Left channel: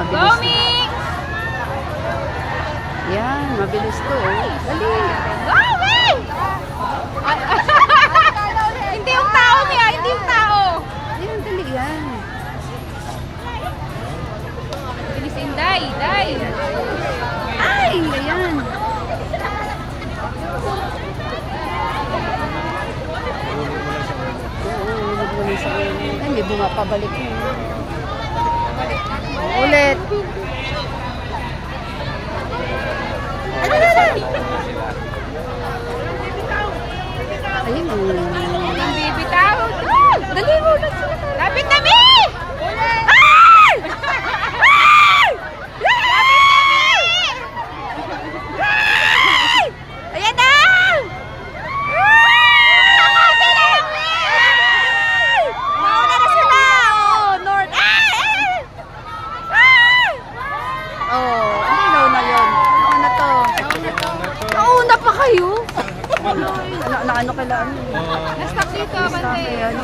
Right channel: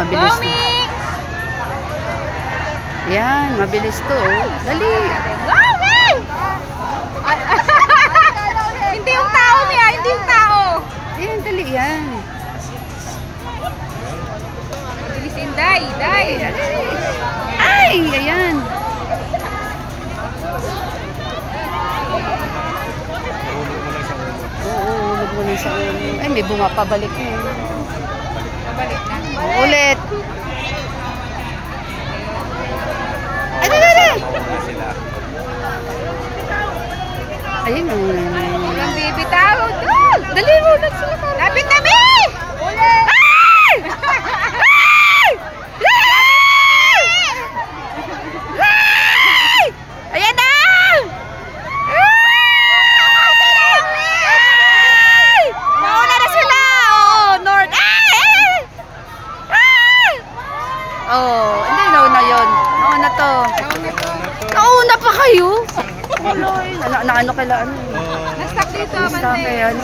mabilis. Goming! Yan, mabilis to. Dali. Goming! Hindi yung tao niya, hindi yung tao. Yan, dali yan. Mabilis Inday, Day. Ay, ayan. Hulog mo lang sa ulo. Ay, may bunga pa, balik mo. Balik na. Ulit. Ay, dali. Ayun. Ang baby tao. Dali mo, nagsila ka. Lapit na, Mi! Ulit. Ay! Ayan na! Mauna na sila! Oh, North! Oh, hindi nauna yun. Nauna to. Nauna pa kayo? Ano kailangan? Na-stuck dito, Bante. Ano?